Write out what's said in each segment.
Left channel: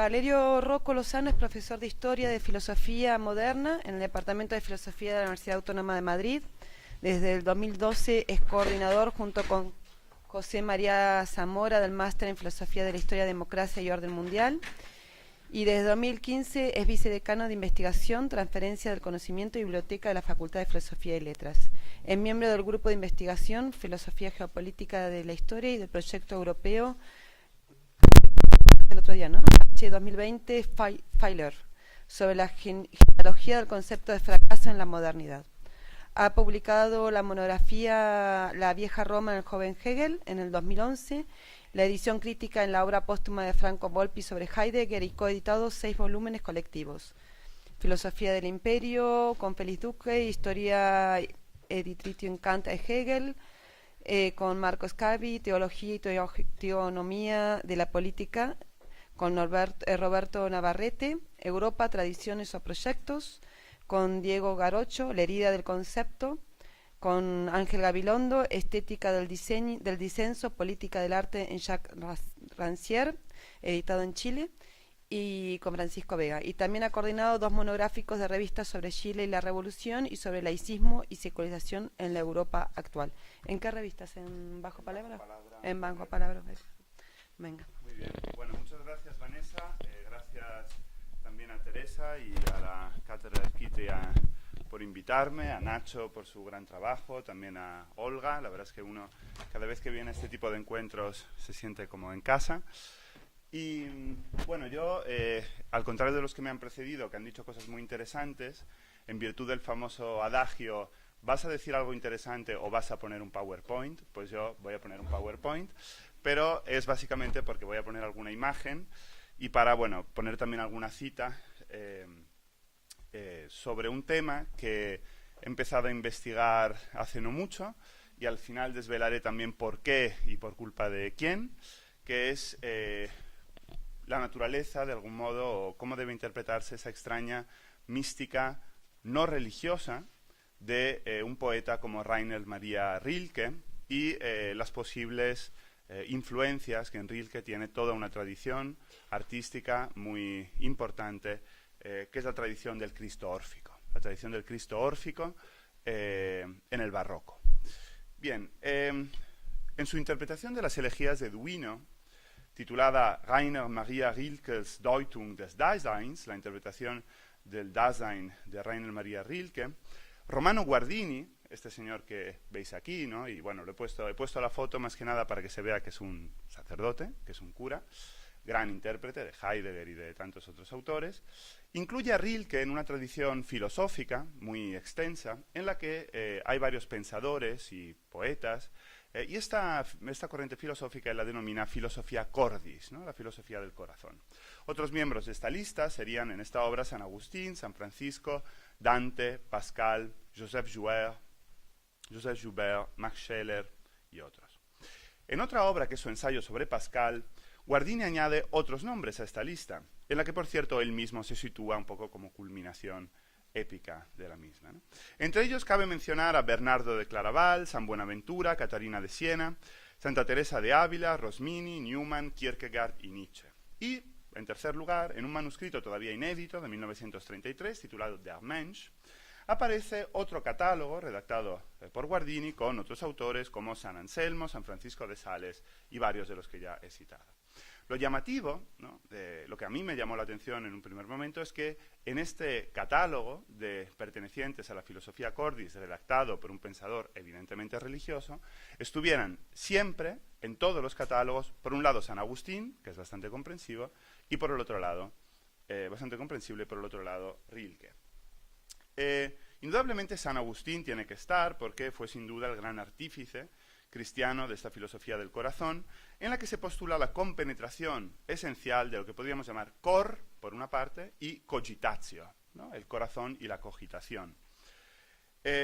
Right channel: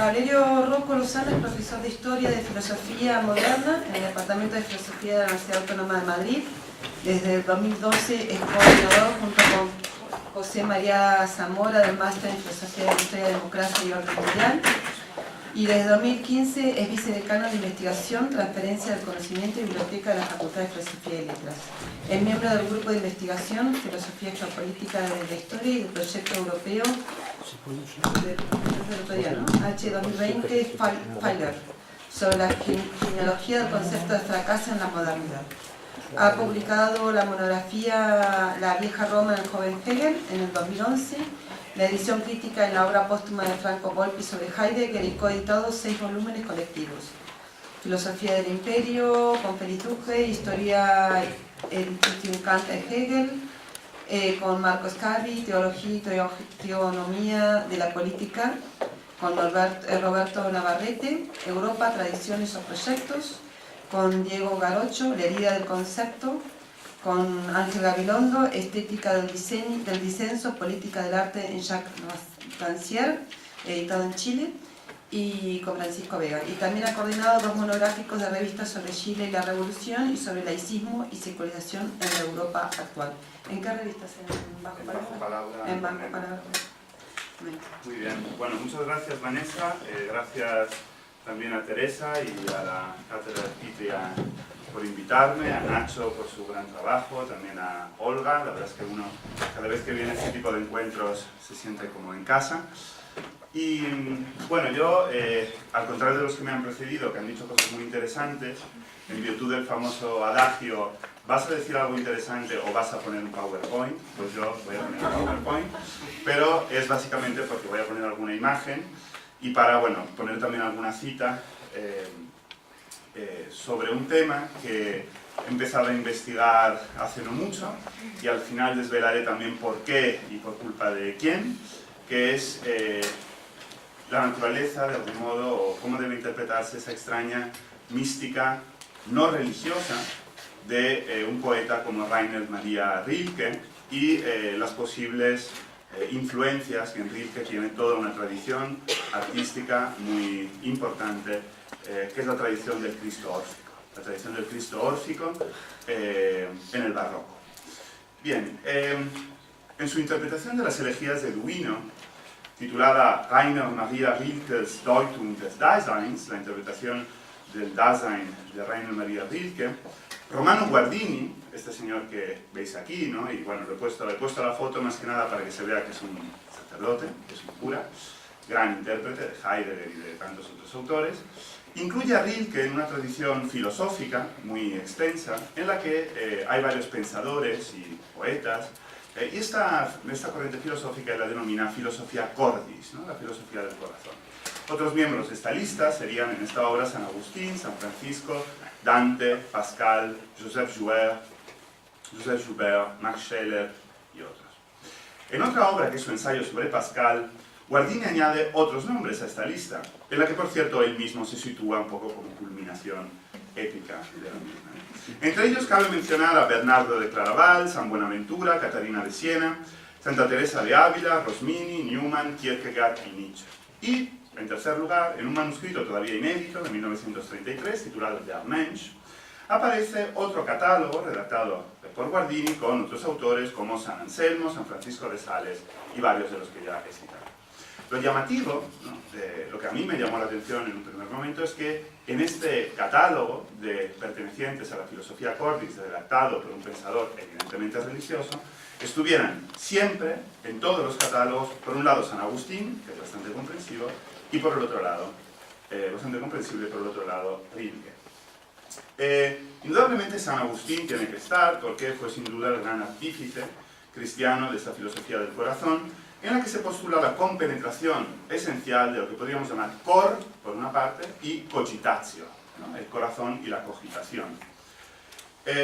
Valerio Rocco Lozano es profesor de Historia de Filosofía Moderna en el Departamento de Filosofía de la Universidad Autónoma de Madrid. Desde el 2012 es coordinador junto con José María Zamora del Máster en Filosofía de la Historia, Democracia y Orden Mundial. Y desde 2015 es vicedecano de Investigación, Transferencia del Conocimiento y Biblioteca de la Facultad de Filosofía y Letras. Es miembro del Grupo de Investigación, Filosofía Geopolítica de la Historia y del Proyecto Europeo H2020 Faller, sobre la genealogía del concepto de fracaso en la modernidad. Ha publicado la monografía La vieja Roma en el joven Hegel en el 2011, la edición crítica en la obra póstuma de Franco Volpi sobre Heidegger y coeditado 6 volúmenes colectivos. Filosofía del Imperio, con Félix Duque, Historia Institut Kant e Hegel, con Marcos Carri, Teología y Teonomía de la Política, con Roberto Navarrete, Europa, Tradiciones o Proyectos, con Diego Garocho, La herida del concepto, con Ángel Gabilondo, Estética del disenso, Política del arte en Jacques Rancière, editado en Chile, y con Francisco Vega. Y también ha coordinado 2 monográficos de revistas sobre Chile y la Revolución y sobre laicismo y secularización en la Europa actual. ¿En qué revistas? ¿En Bajo Palabra? En Bajo Palabra. Muy bien. Bueno, muchas gracias, Vanessa. Gracias también a Teresa y a la Cátedra Arquitria por invitarme, a Nacho por su gran trabajo, también a Olga. La verdad es que uno, cada vez que viene a este tipo de encuentros, se siente como en casa. Y bueno, yo, al contrario de los que me han precedido, que han dicho cosas muy interesantes, en virtud del famoso adagio, ¿vas a decir algo interesante o vas a poner un PowerPoint? Pues yo voy a poner un PowerPoint, pero es básicamente porque voy a poner alguna imagen y para, bueno, poner también alguna cita sobre un tema que he empezado a investigar hace no mucho y al final desvelaré también por qué y por culpa de quién, que es la naturaleza, de algún modo, o cómo debe interpretarse esa extraña mística no religiosa de un poeta como Rainer Maria Rilke y las posibles influencias que en Rilke tiene toda una tradición artística muy importante, que es la tradición del Cristo órfico. La tradición del Cristo órfico en el barroco. Bien, en su interpretación de las elegías de Duino, titulada Rainer Maria Rilkes Deutung des Daseins, la interpretación del Dasein de Rainer Maria Rilke, Romano Guardini, este señor que veis aquí, ¿no? Y bueno, le he puesto la foto más que nada para que se vea que es un sacerdote, que es un cura, gran intérprete de Heidegger y de tantos otros autores, incluye a Rilke en una tradición filosófica muy extensa, en la que hay varios pensadores y poetas, y esta corriente filosófica la denomina filosofía cordis, ¿no? La filosofía del corazón. Otros miembros de esta lista serían en esta obra San Agustín, San Francisco, Dante, Pascal, Joseph Joubert, Max Scheler y otros. En otra obra, que es su ensayo sobre Pascal, Guardini añade otros nombres a esta lista, en la que, por cierto, él mismo se sitúa un poco como culminación épica de la misma. Entre ellos cabe mencionar a Bernardo de Claraval, San Buenaventura, Catarina de Siena, Santa Teresa de Ávila, Rosmini, Newman, Kierkegaard y Nietzsche. Y, en tercer lugar, en un manuscrito todavía inédito de 1933, titulado Der Mensch, aparece otro catálogo redactado por Guardini con otros autores como San Anselmo, San Francisco de Sales y varios de los que ya he citado. Lo llamativo, ¿no?, lo que a mí me llamó la atención en un primer momento, es que en este catálogo de pertenecientes a la filosofía cordis, redactado por un pensador evidentemente religioso, estuvieran siempre, en todos los catálogos, por un lado San Agustín, que es bastante comprensivo, y por el otro lado, bastante comprensible, por el otro lado, Rilke. Indudablemente San Agustín tiene que estar, porque fue sin duda el gran artífice cristiano de esta filosofía del corazón, en la que se postula la compenetración esencial de lo que podríamos llamar cor, por una parte, y cogitatio, ¿no?, el corazón y la cogitación.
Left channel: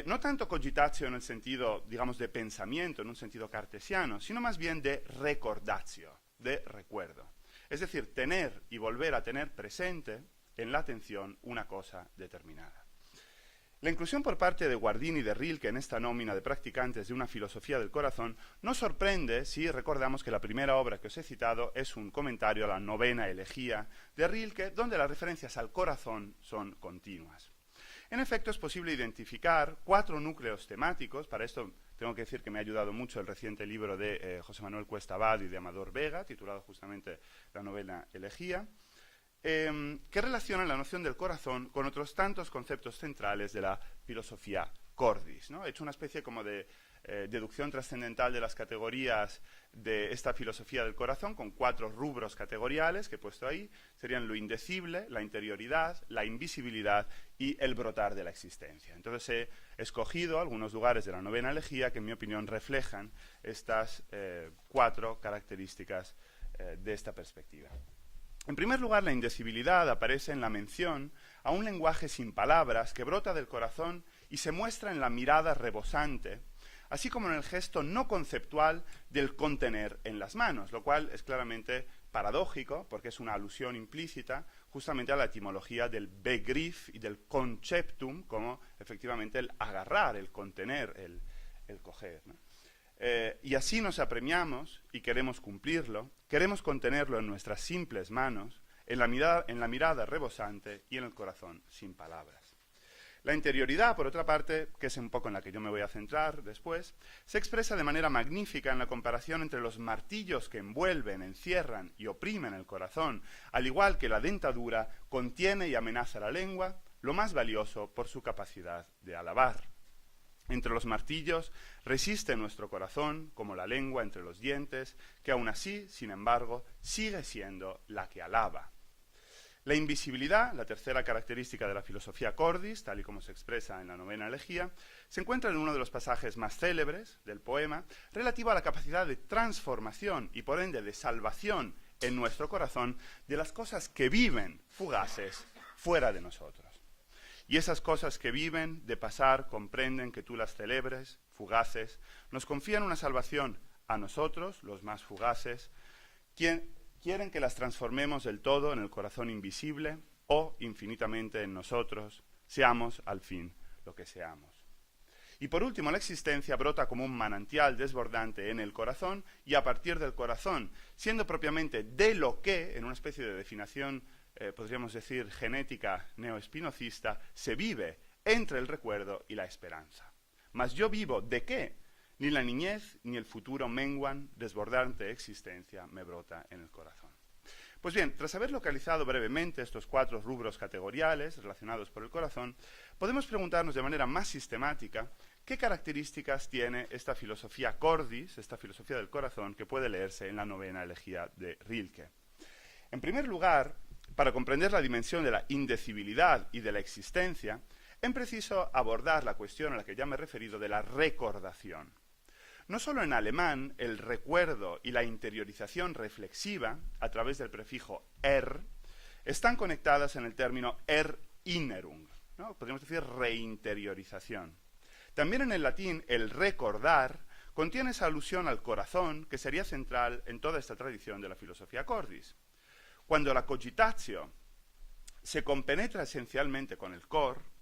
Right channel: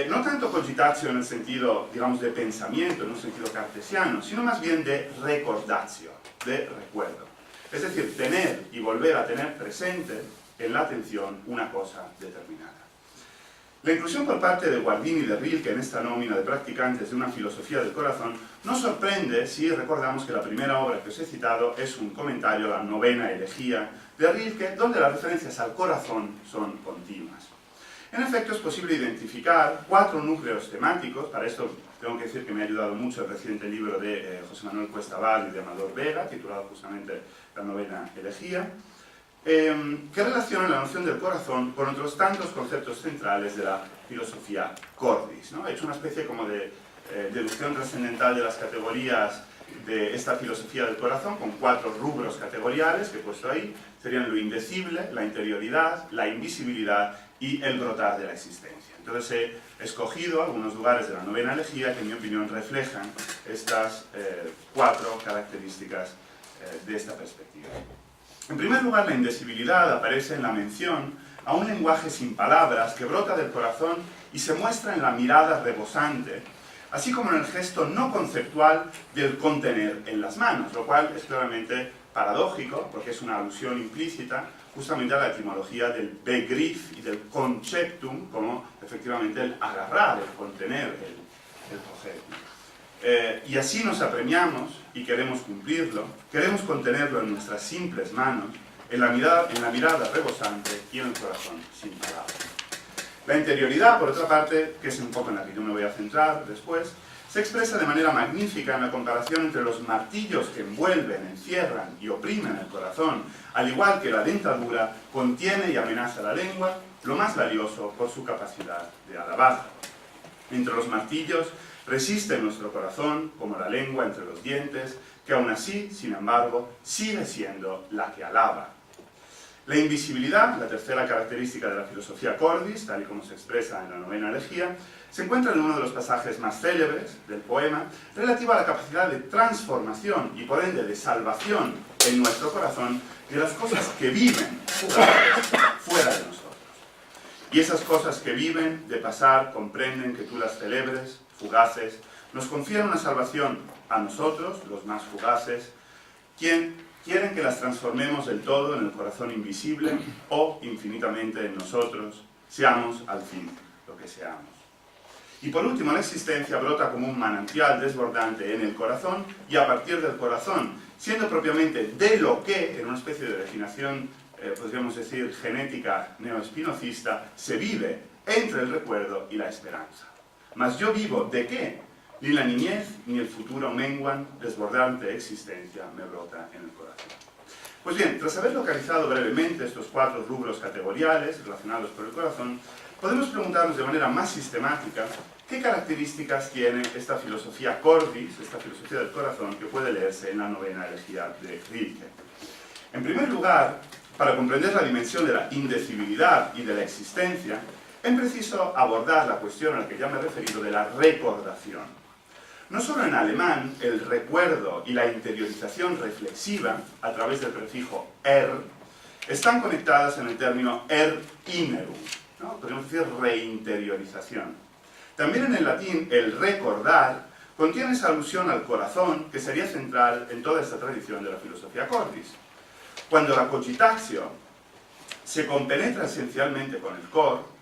No tanto cogitatio en el sentido, digamos, de pensamiento, en un sentido cartesiano, sino más bien de recordatio, de recuerdo. Es decir, tener y volver a tener presente en la atención una cosa determinada. La inclusión por parte de Guardini y de Rilke en esta nómina de practicantes de una filosofía del corazón nos sorprende si recordamos que la primera obra que os he citado es un comentario a la novena elegía de Rilke, donde las referencias al corazón son continuas. En efecto, es posible identificar 4 núcleos temáticos. Para esto tengo que decir que me ha ayudado mucho el reciente libro de José Manuel Cuesta Val y de Amador Vega, titulado justamente La novena elegía, que relacionan la noción del corazón con otros tantos conceptos centrales de la filosofía cordis, ¿no? He hecho una especie como de deducción trascendental de las categorías de esta filosofía del corazón, con 4 rubros categoriales que he puesto ahí. Serían lo indecible, la interioridad, la invisibilidad y el brotar de la existencia. Entonces he escogido algunos lugares de la novena elegía que en mi opinión reflejan estas 4 características de esta perspectiva. En primer lugar, la indecibilidad aparece en la mención a un lenguaje sin palabras que brota del corazón y se muestra en la mirada rebosante, así como en el gesto no conceptual del contener en las manos, lo cual es claramente paradójico, porque es una alusión implícita justamente a la etimología del begriff y del conceptum, como efectivamente el agarrar, el contener, el coger. Y así nos apremiamos y queremos cumplirlo, queremos contenerlo en nuestras simples manos, en la mirada rebosante y en el corazón sin palabras. La interioridad, por otra parte, que es un poco en la que yo me voy a centrar después, se expresa de manera magnífica en la comparación entre los martillos que envuelven, encierran y oprimen el corazón, al igual que la dentadura contiene y amenaza la lengua, lo más valioso por su capacidad de alabar. Entre los martillos resiste nuestro corazón, como la lengua entre los dientes, que aún así, sin embargo, sigue siendo la que alaba. La invisibilidad, la tercera característica de la filosofía cordis, tal y como se expresa en la novena elegía, se encuentra en uno de los pasajes más célebres del poema, relativo a la capacidad de transformación y por ende de salvación en nuestro corazón de las cosas que viven fuera de nosotros. Y esas cosas que viven de pasar comprenden que tú las celebres, fugaces, nos confieren una salvación a nosotros, los más fugaces, quien quieren que las transformemos del todo en el corazón invisible o infinitamente en nosotros, seamos al fin lo que seamos. Y por último, la existencia brota como un manantial desbordante en el corazón y a partir del corazón, siendo propiamente de lo que, en una especie de definición, podríamos decir, genética neoespinocista, se vive entre el recuerdo y la esperanza. Mas yo vivo ¿de qué? Ni la niñez ni el futuro menguan, desbordante existencia me brota en el corazón. Pues bien, tras haber localizado brevemente estos 4 rubros categoriales relacionados por el corazón, podemos preguntarnos de manera más sistemática qué características tiene esta filosofía cordis, esta filosofía del corazón, que puede leerse en la novena elegía de Rilke. En primer lugar, para comprender la dimensión de la indecibilidad y de la existencia, es preciso abordar la cuestión a la que ya me he referido de la recordación. No solo en alemán, el recuerdo y la interiorización reflexiva, a través del prefijo están conectadas en el término erinnerung, ¿no? Podríamos decir reinteriorización. También en el latín, el recordar contiene esa alusión al corazón que sería central en toda esta tradición de la filosofía cordis. Cuando la cogitatio se compenetra esencialmente con el cor,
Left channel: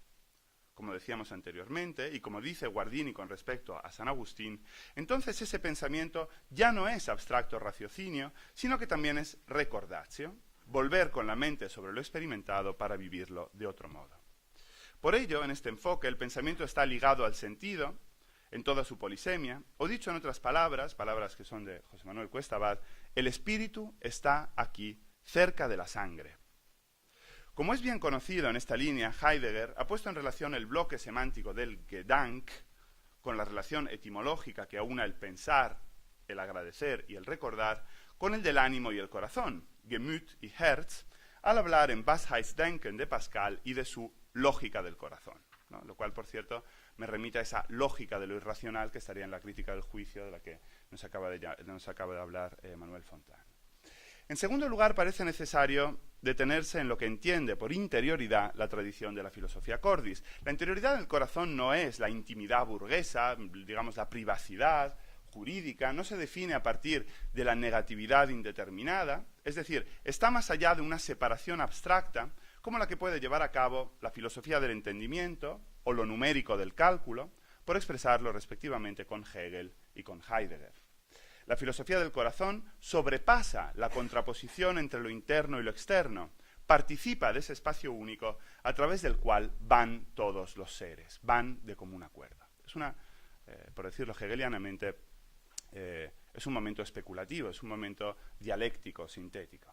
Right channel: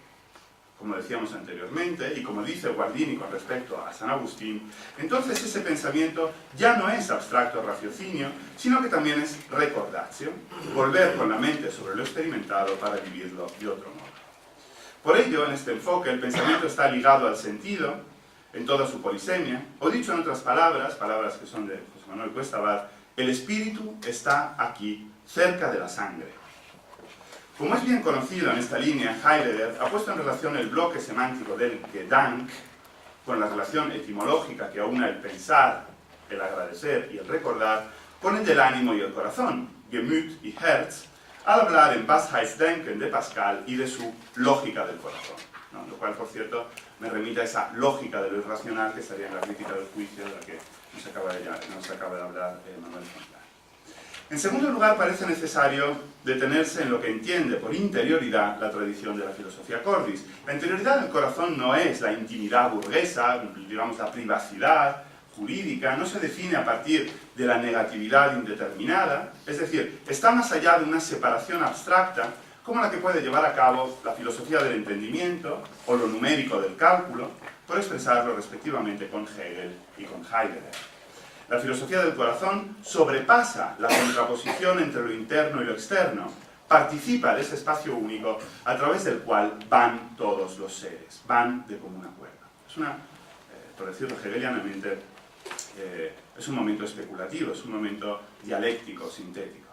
como decíamos anteriormente, y como dice Guardini con respecto a San Agustín, entonces ese pensamiento ya no es abstracto raciocinio, sino que también es recordatio, volver con la mente sobre lo experimentado para vivirlo de otro modo. Por ello, en este enfoque, el pensamiento está ligado al sentido, en toda su polisemia, o dicho en otras palabras, palabras que son de José Manuel Cuesta Abad, el espíritu está aquí, cerca de la sangre. Como es bien conocido en esta línea, Heidegger ha puesto en relación el bloque semántico del Gedank con la relación etimológica que aúna el pensar, el agradecer y el recordar con el del ánimo y el corazón, Gemüt y Herz, al hablar en Wahrheitsdenken de Pascal y de su lógica del corazón, ¿no? Lo cual, por cierto, me remite a esa lógica de lo irracional que estaría en la crítica del juicio de la que nos acaba de hablar Manuel Fontana. En segundo lugar, parece necesario detenerse en lo que entiende por interioridad la tradición de la filosofía cordis. La interioridad del corazón no es la intimidad burguesa, digamos la privacidad jurídica, no se define a partir de la negatividad indeterminada, es decir, está más allá de una separación abstracta como la que puede llevar a cabo la filosofía del entendimiento o lo numérico del cálculo, por expresarlo respectivamente con Hegel y con Heidegger. La filosofía del corazón sobrepasa la contraposición entre lo interno y lo externo, participa de ese espacio único a través del cual van todos los seres, van de común acuerdo. Es una, por decirlo hegelianamente, es un momento especulativo, es un momento dialéctico, sintético.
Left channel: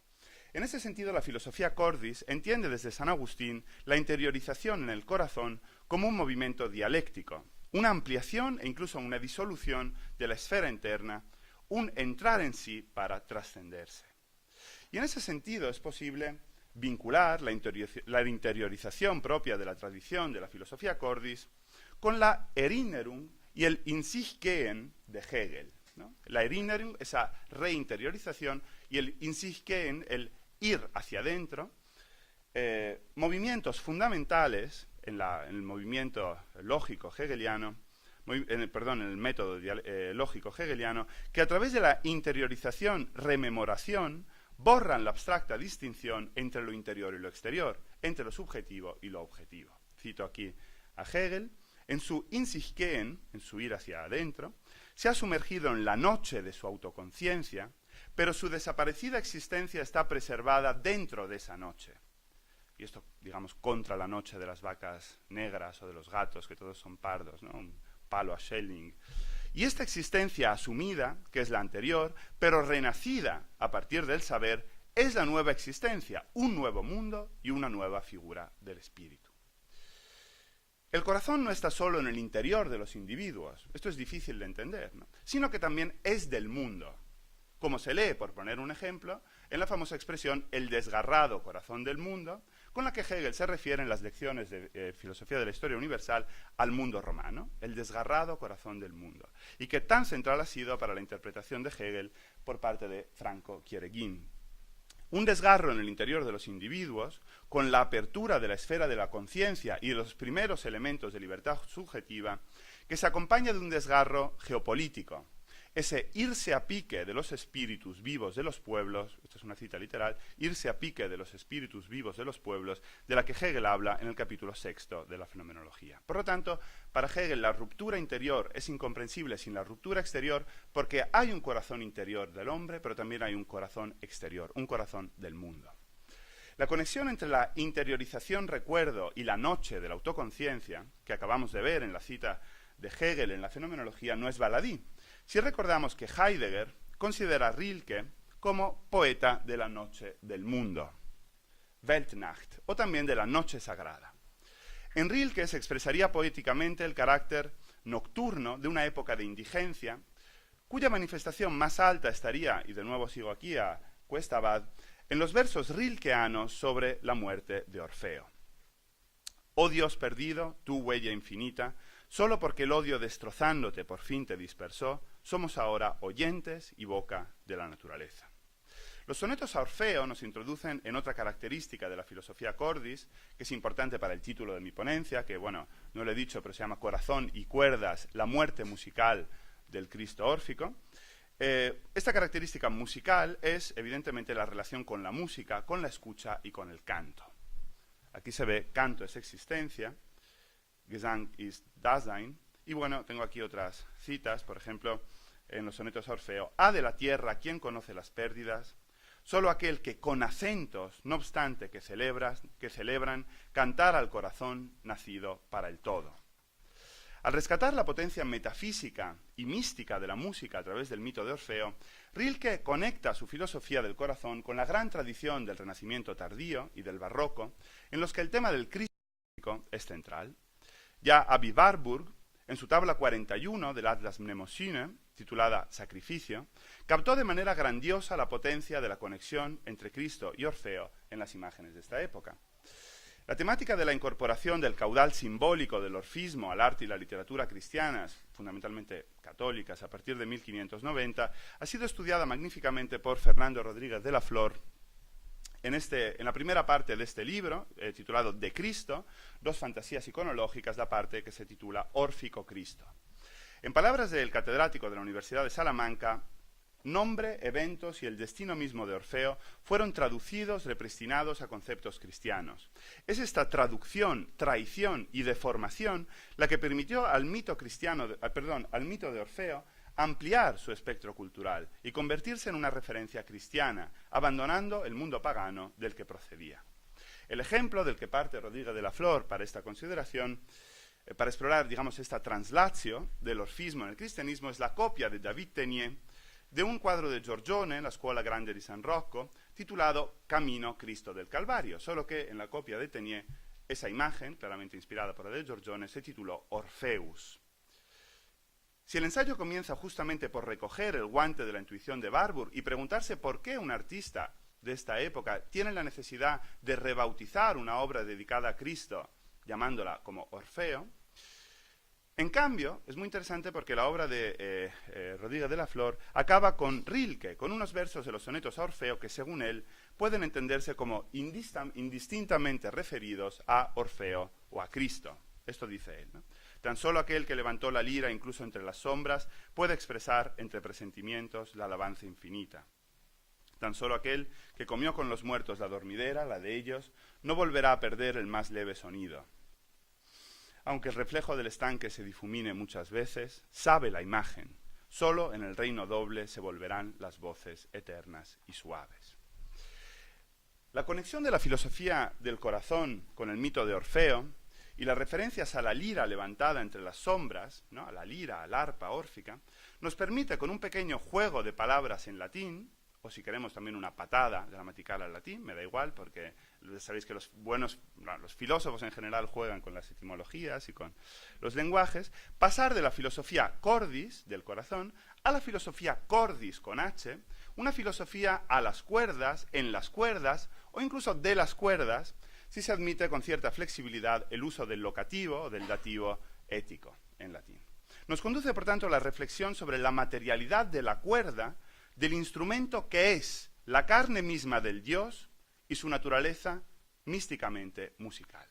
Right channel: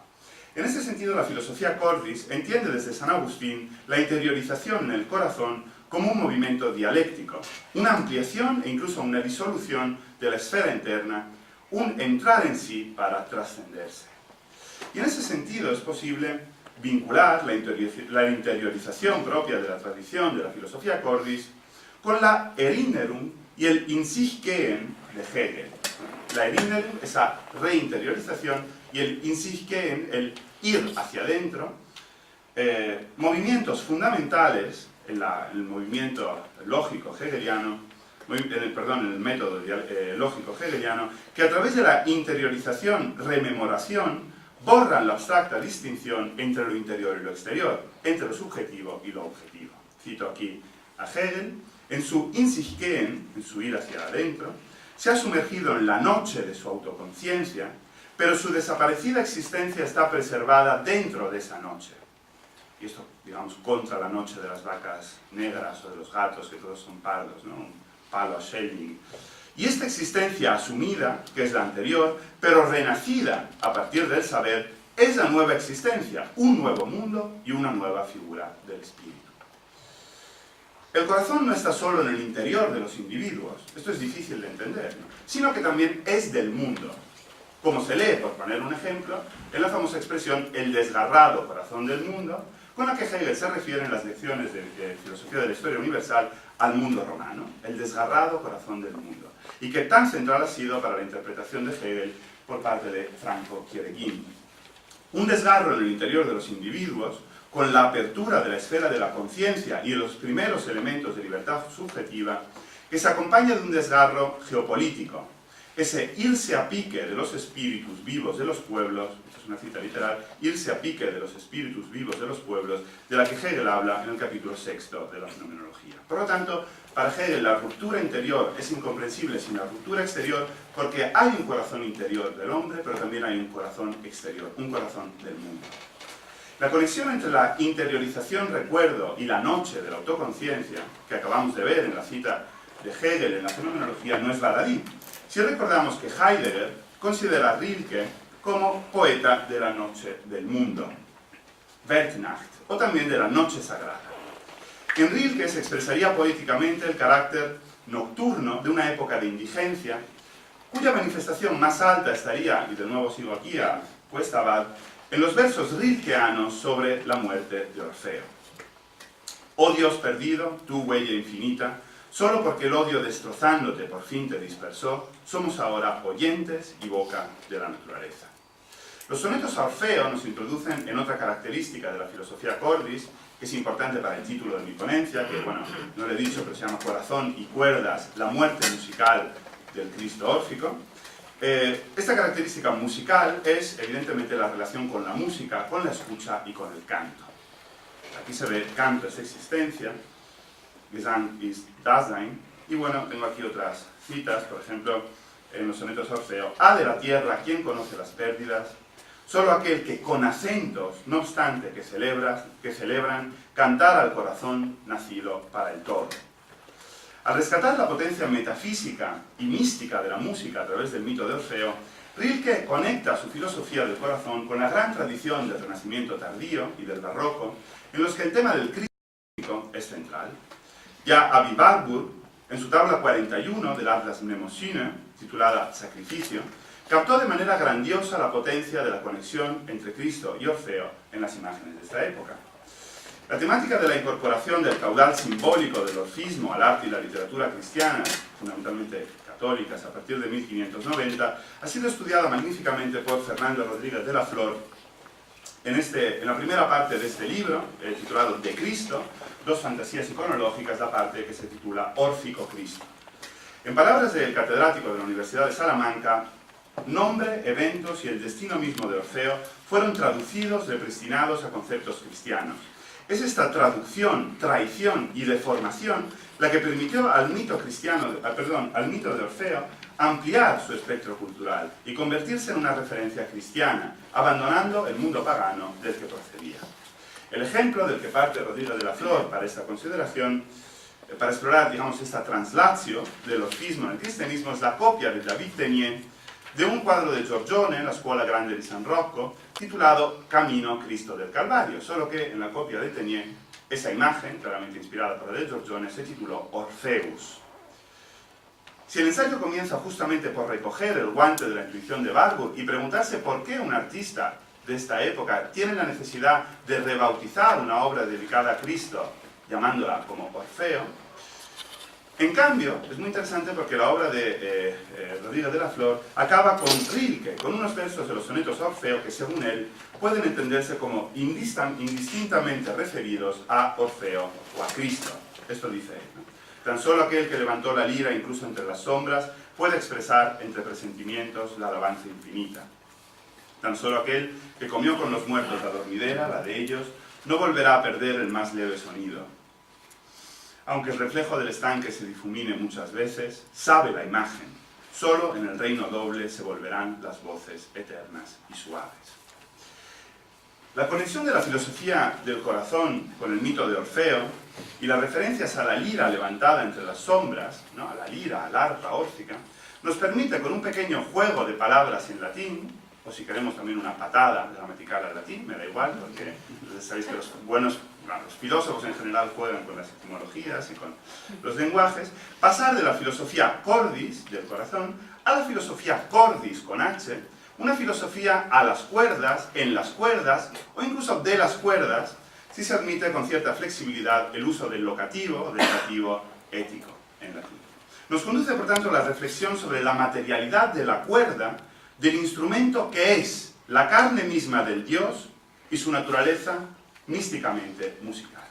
En ese sentido, la filosofía cordis entiende desde San Agustín la interiorización en el corazón como un movimiento dialéctico, una ampliación e incluso una disolución de la esfera interna, un entrar en sí para trascenderse. Y en ese sentido es posible vincular la interiorización propia de la tradición de la filosofía cordis con la Erinnerung y el In sich gehen de Hegel. La Erinnerung, esa reinteriorización, y el In sich gehen, el ir hacia adentro, movimientos fundamentales en el movimiento lógico hegeliano, en el método lógico hegeliano, que a través de la interiorización, rememoración, borran la abstracta distinción entre lo interior y lo exterior, entre lo subjetivo y lo objetivo. Cito aquí a Hegel: en su In sich gehen, en su ir hacia adentro, se ha sumergido en la noche de su autoconciencia, pero su desaparecida existencia está preservada dentro de esa noche. Y esto, digamos, contra la noche de las vacas negras o de los gatos, que todos son pardos, ¿no? Un palo a Schelling. Y esta existencia asumida, que es la anterior, pero renacida a partir del saber, es la nueva existencia, un nuevo mundo y una nueva figura del espíritu. El corazón no está solo en el interior de los individuos, esto es difícil de entender, ¿no? Sino que también es del mundo. Como se lee, por poner un ejemplo, en la famosa expresión el desgarrado corazón del mundo, con la que Hegel se refiere en las lecciones de filosofía de la historia universal al mundo romano, el desgarrado corazón del mundo, y que tan central ha sido para la interpretación de Hegel por parte de Franco Kieregin. Un desgarro en el interior de los individuos, con la apertura de la esfera de la conciencia y de los primeros elementos de libertad subjetiva, que se acompaña de un desgarro geopolítico, ese irse a pique de los espíritus vivos de los pueblos, esta es una cita literal, irse a pique de los espíritus vivos de los pueblos, de la que Hegel habla en el capítulo 6 de la fenomenología. Por lo tanto, para Hegel la ruptura interior es incomprensible sin la ruptura exterior, porque hay un corazón interior del hombre, pero también hay un corazón exterior, un corazón del mundo. La conexión entre la interiorización recuerdo y la noche de la autoconciencia, que acabamos de ver en la cita de Hegel en la fenomenología, no es baladí. Si recordamos que Heidegger considera a Rilke como poeta de la noche del mundo, Weltnacht, o también de la noche sagrada. En Rilke se expresaría poéticamente el carácter nocturno de una época de indigencia, cuya manifestación más alta estaría, y de nuevo sigo aquí a cuesta abajo, en los versos rilkeanos sobre la muerte de Orfeo. Oh Dios perdido, tu huella infinita, solo porque el odio destrozándote por fin te dispersó, somos ahora oyentes y boca de la naturaleza. Los sonetos a Orfeo nos introducen en otra característica de la filosofía cordis, que es importante para el título de mi ponencia, que bueno, no lo he dicho, pero se llama Corazón y cuerdas, la muerte musical del Cristo órfico. Esta característica musical es evidentemente la relación con la música, con la escucha y con el canto. Aquí se ve canto es existencia, Gesang ist Dasein, y bueno, tengo aquí otras citas, por ejemplo, en los sonetos a Orfeo: ha de la tierra quien conoce las pérdidas, solo aquel que con acentos, no obstante que celebran, cantar al corazón nacido para el todo. Al rescatar la potencia metafísica y mística de la música a través del mito de Orfeo, Rilke conecta su filosofía del corazón con la gran tradición del Renacimiento tardío y del Barroco, en los que el tema del Cristo es central. Ya Avi Warburg, en su tabla 41 del Atlas Mnemosyne, titulada Sacrificio, captó de manera grandiosa la potencia de la conexión entre Cristo y Orfeo en las imágenes de esta época. La temática de la incorporación del caudal simbólico del orfismo al arte y la literatura cristiana, fundamentalmente católicas, a partir de 1590, ha sido estudiada magníficamente por Fernando Rodríguez de la Flor en la primera parte de este libro, titulado De Cristo, dos fantasías iconológicas, la parte que se titula Órfico Cristo. En palabras del catedrático de la Universidad de Salamanca, nombre, eventos y el destino mismo de Orfeo fueron traducidos, repristinados a conceptos cristianos. Es esta traducción, traición y deformación la que permitió al mito de Orfeo ampliar su espectro cultural y convertirse en una referencia cristiana, abandonando el mundo pagano del que procedía. El ejemplo del que parte Rodrigo de la Flor para esta consideración, para explorar, digamos, esta translatio del orfismo en el cristianismo, es la copia de David Tenier de un cuadro de Giorgione en la Scuola Grande di San Rocco, titulado Camino Cristo del Calvario, solo que en la copia de Tenier, esa imagen, claramente inspirada por la de Giorgione, se tituló Orpheus. Si el ensayo comienza justamente por recoger el guante de la intuición de Warburg y preguntarse por qué un artista de esta época tiene la necesidad de rebautizar una obra dedicada a Cristo, llamándola como Orfeo, en cambio, es muy interesante porque la obra de Rodrigo de la Flor acaba con Rilke, con unos versos de los sonetos a Orfeo que, según él, pueden entenderse como indistintamente referidos a Orfeo o a Cristo. Esto dice él, ¿no? Tan solo aquel que levantó la lira incluso entre las sombras puede expresar entre presentimientos la alabanza infinita. Tan solo aquel que comió con los muertos la dormidera, la de ellos, no volverá a perder el más leve sonido. Aunque el reflejo del estanque se difumine muchas veces, sabe la imagen, solo en el reino doble se volverán las voces eternas y suaves. La conexión de la filosofía del corazón con el mito de Orfeo y las referencias a la lira levantada entre las sombras, ¿no?, a la lira, al arpa órfica, nos permite, con un pequeño juego de palabras en latín, o si queremos también una patada gramatical al latín, me da igual, porque sabéis que los filósofos en general juegan con las etimologías y con los lenguajes, pasar de la filosofía cordis, del corazón, a la filosofía cordis con H, una filosofía a las cuerdas, en las cuerdas, o incluso de las cuerdas, si se admite con cierta flexibilidad el uso del locativo o del dativo ético en latín. Nos conduce, por tanto, a la reflexión sobre la materialidad de la cuerda, del instrumento que es la carne misma del Dios y su naturaleza místicamente musical.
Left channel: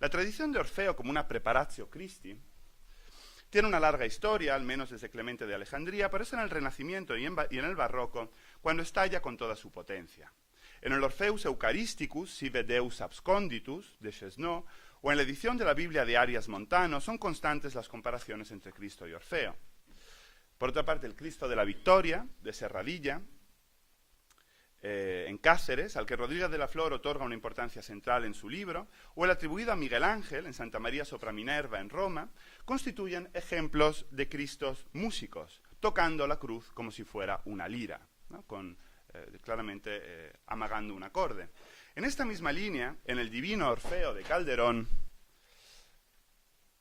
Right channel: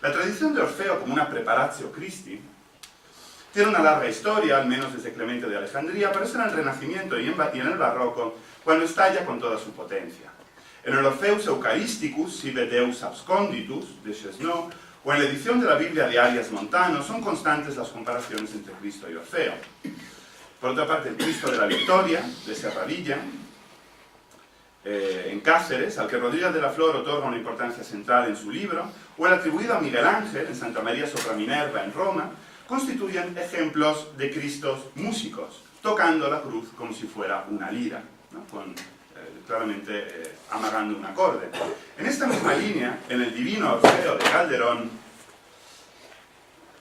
La tradición de Orfeo como una preparatio Christi tiene una larga historia, al menos desde Clemente de Alejandría, pero es en el Renacimiento y en el Barroco cuando estalla con toda su potencia. En el Orpheus Eucharisticus, sive Deus absconditus, de Chesneau, o en la edición de la Biblia de Arias Montano, son constantes las comparaciones entre Cristo y Orfeo. Por otra parte, el Cristo de la Victoria, de Serradilla, en Cáceres, al que Rodríguez de la Flor otorga una importancia central en su libro, o el atribuido a Miguel Ángel, en Santa María sopra Minerva, en Roma, constituyen ejemplos de Cristos músicos, tocando la cruz como si fuera una lira, ¿no?, claramente amagando un acorde. En esta misma línea, en el Divino Orfeo de Calderón,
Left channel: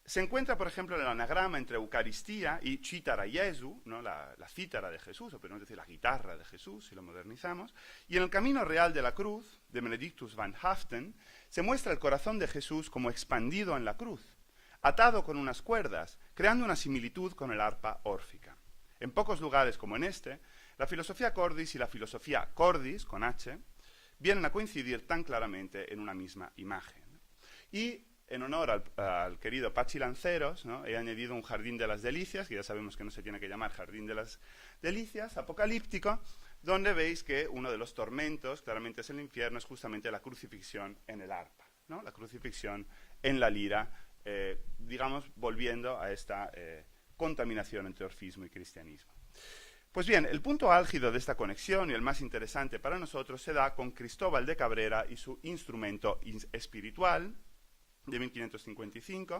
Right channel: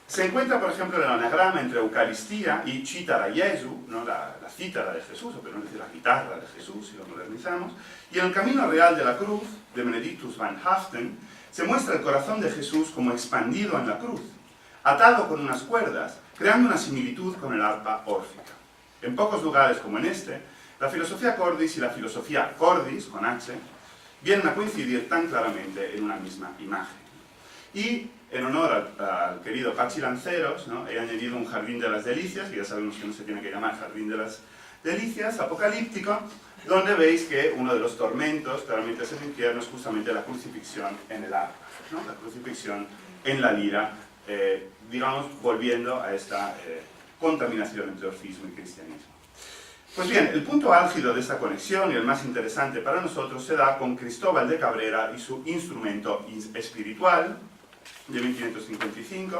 se encuentra, por ejemplo, el anagrama entre Eucaristía y Cítara Jesu, ¿no?, la cítara de Jesús, o pero no decir la guitarra de Jesús, si lo modernizamos, y en el Camino Real de la Cruz, de Benedictus van Haften, se muestra el corazón de Jesús como expandido en la cruz, atado con unas cuerdas, creando una similitud con el arpa órfica. En pocos lugares como en este, la filosofía cordis y la filosofía cordis, con H, vienen a coincidir tan claramente en una misma imagen. Y en honor al querido Pachi Lanceros, ¿no?, he añadido un Jardín de las Delicias, que ya sabemos que no se tiene que llamar Jardín de las Delicias, apocalíptico, donde veis que uno de los tormentos, claramente es el infierno, es justamente la crucifixión en el arpa, ¿no?, la crucifixión en la lira, digamos, volviendo a esta contaminación entre orfismo y cristianismo. Pues bien, el punto álgido de esta conexión y el más interesante para nosotros se da con Cristóbal de Cabrera y su instrumento espiritual, de 1555.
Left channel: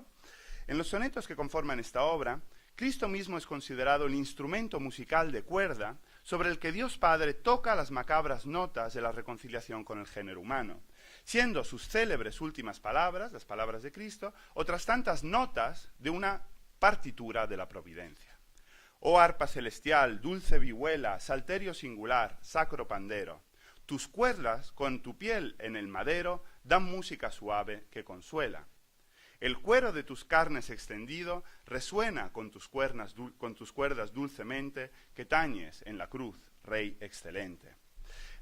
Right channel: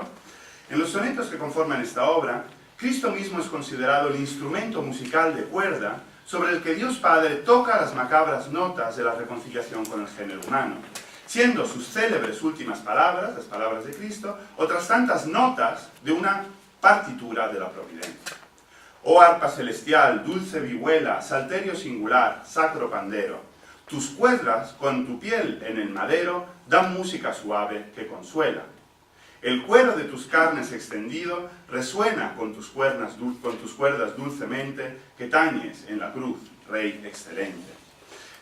En los sonetos que conforman esta obra, Cristo mismo es considerado el instrumento musical de cuerda sobre el que Dios Padre toca las macabras notas de la reconciliación con el género humano, siendo sus célebres últimas palabras, las palabras de Cristo, otras tantas notas de una partitura de la providencia. Oh arpa celestial, dulce vihuela, salterio singular, sacro pandero, tus cuerdas con tu piel en el madero dan música suave que consuela. El cuero de tus carnes extendido resuena con tus cuerdas dulcemente que tañes en la cruz, Rey excelente.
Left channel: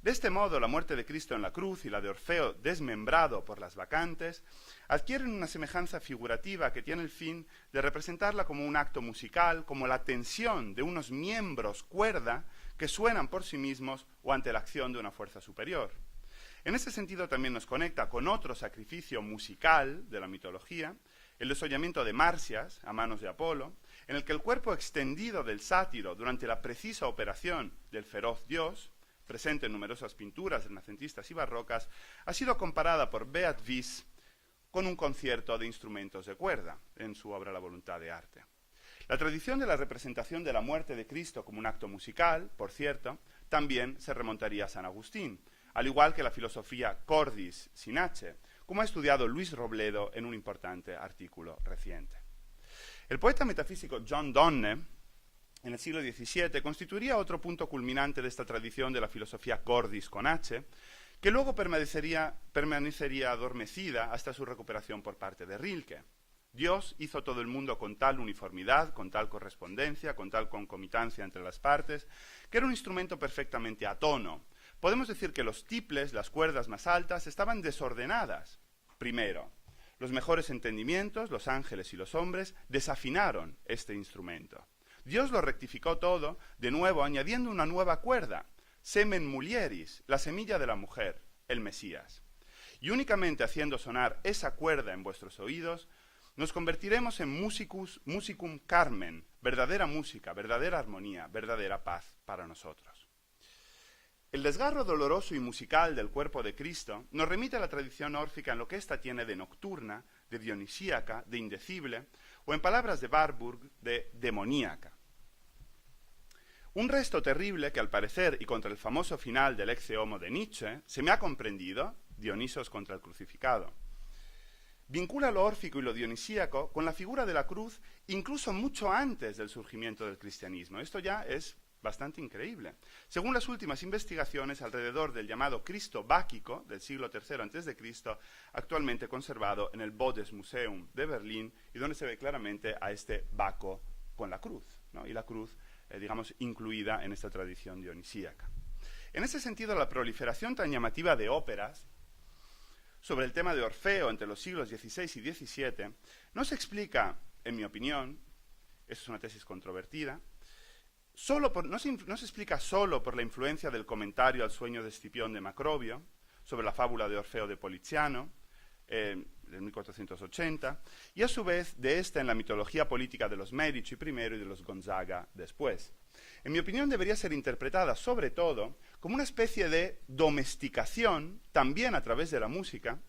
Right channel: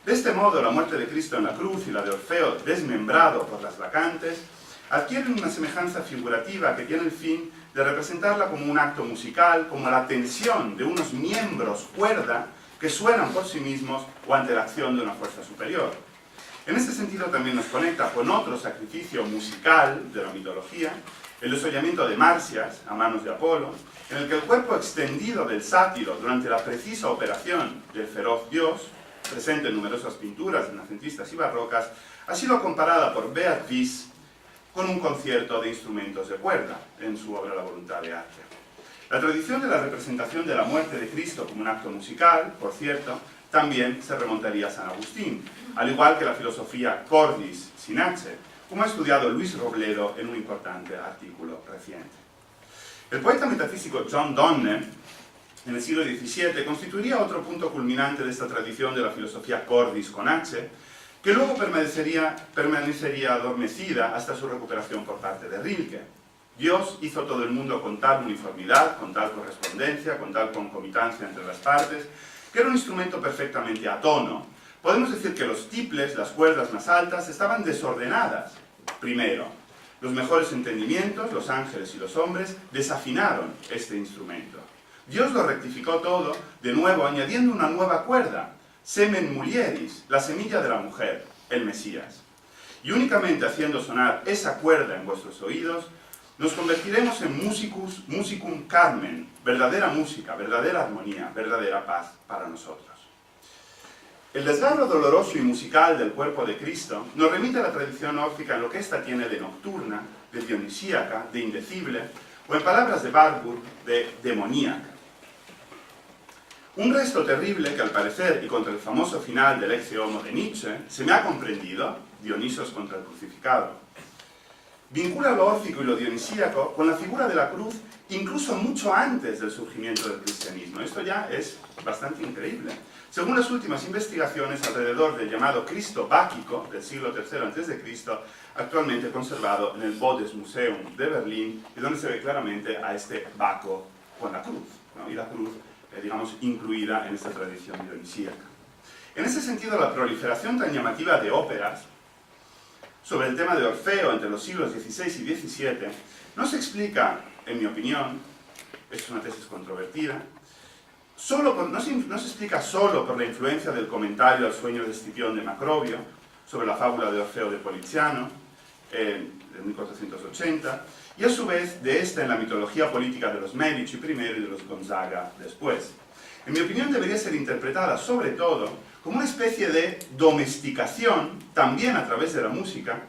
De este modo, la muerte de Cristo en la cruz y la de Orfeo desmembrado por las bacantes adquieren una semejanza figurativa que tiene el fin de representarla como un acto musical, como la tensión de unos miembros cuerda que suenan por sí mismos o ante la acción de una fuerza superior. En este sentido también nos conecta con otro sacrificio musical de la mitología, el desollamiento de Marcias a manos de Apolo, en el que el cuerpo extendido del sátiro durante la precisa operación del feroz dios, presente en numerosas pinturas renacentistas y barrocas, ha sido comparada por Beat Wies con un concierto de instrumentos de cuerda en su obra La voluntad de arte. La tradición de la representación de la muerte de Cristo como un acto musical, por cierto, también se remontaría a San Agustín, al igual que la filosofía cordis sin H, como ha estudiado Luis Robledo en un importante artículo reciente. El poeta metafísico John Donne, en el siglo XVII, constituiría otro punto culminante de esta tradición de la filosofía cordis con H, que luego permanecería adormecida hasta su recuperación por parte de Rilke. Dios hizo todo el mundo con tal uniformidad, con tal correspondencia, con tal concomitancia entre las partes, que era un instrumento perfectamente a tono. Podemos decir que los tiples, las cuerdas más altas, estaban desordenadas. Primero, los mejores entendimientos, los ángeles y los hombres, desafinaron este instrumento. Dios lo rectificó todo, de nuevo, añadiendo una nueva cuerda, semen mulieris, la semilla de la mujer, el Mesías. Y únicamente haciendo sonar esa cuerda en vuestros oídos, nos convertiremos en musicum carmen, verdadera música, verdadera armonía, verdadera paz para nosotros. El desgarro doloroso y musical del cuerpo de Cristo nos remite a la tradición órfica en lo que ésta tiene de nocturna, de dionisíaca, de indecible, o en palabras de Warburg, de demoníaca. Un resto terrible que al parecer, y contra el famoso final del Ecce Homo de Nietzsche, se me ha comprendido, Dionisos contra el crucificado, vincula lo órfico y lo dionisíaco con la figura de la cruz incluso mucho antes del surgimiento del cristianismo. Esto ya es bastante increíble. Según las últimas investigaciones alrededor del llamado Cristo báquico del siglo III a.C., actualmente conservado en el Bundesmuseum de Berlín, y donde se ve claramente a este Baco con la cruz, ¿no? Y la cruz, digamos, incluida en esta tradición dionisíaca. En ese sentido, la proliferación tan llamativa de óperas sobre el tema de Orfeo entre los siglos XVI y XVII no se explica, en mi opinión, esto es una tesis controvertida, no se explica solo por la influencia del comentario al sueño de Escipión de Macrobio sobre la fábula de Orfeo de Poliziano, de 1480, y a su vez de esta en la mitología política de los Medici primero y de los Gonzaga después. En mi opinión debería ser interpretada sobre todo como una especie de domesticación, también a través de la música,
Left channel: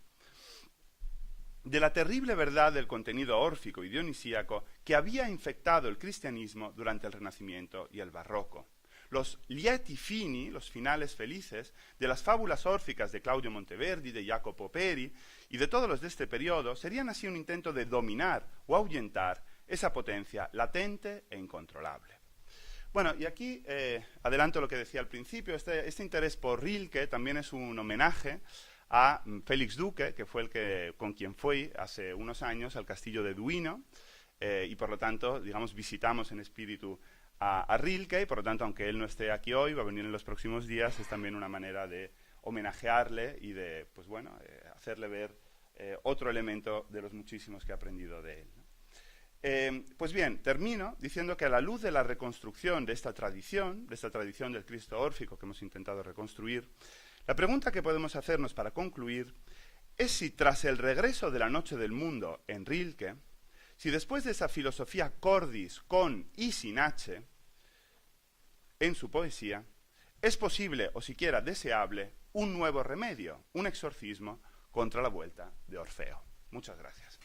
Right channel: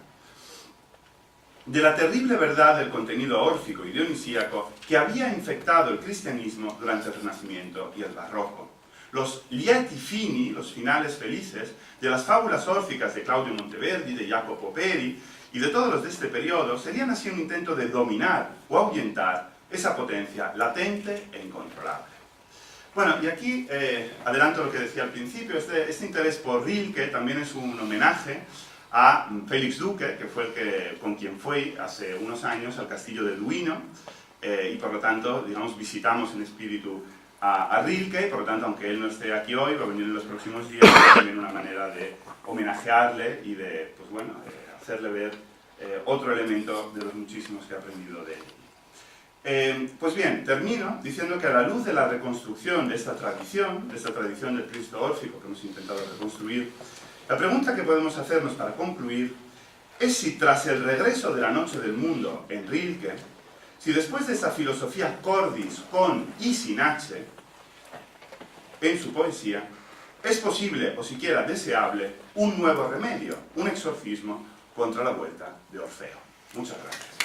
de la terrible verdad del contenido órfico y dionisíaco que había infectado el cristianismo durante el Renacimiento y el Barroco. Los lieti fini, los finales felices, de las fábulas órficas de Claudio Monteverdi, de Jacopo Peri y de todos los de este periodo, serían así un intento de dominar o ahuyentar esa potencia latente e incontrolable. Bueno, y aquí adelanto lo que decía al principio, este interés por Rilke también es un homenaje a Félix Duque, que fue con quien fui hace unos años al castillo de Duino, y por lo tanto, digamos, visitamos en espíritu a Rilke, y por lo tanto, aunque él no esté aquí hoy, va a venir en los próximos días, es también una manera de homenajearle y de, pues bueno, hacerle ver otro elemento de los muchísimos que he aprendido de él. Pues bien, termino diciendo que a la luz de la reconstrucción de esta tradición del Cristo órfico que hemos intentado reconstruir, la pregunta que podemos hacernos para concluir es si tras el regreso de la Noche del Mundo en Rilke, si después de esta filosofía cordis con y sin H en su poesía, es posible o siquiera deseable un nuevo remedio, un exorcismo contra la vuelta de Orfeo. Muchas gracias.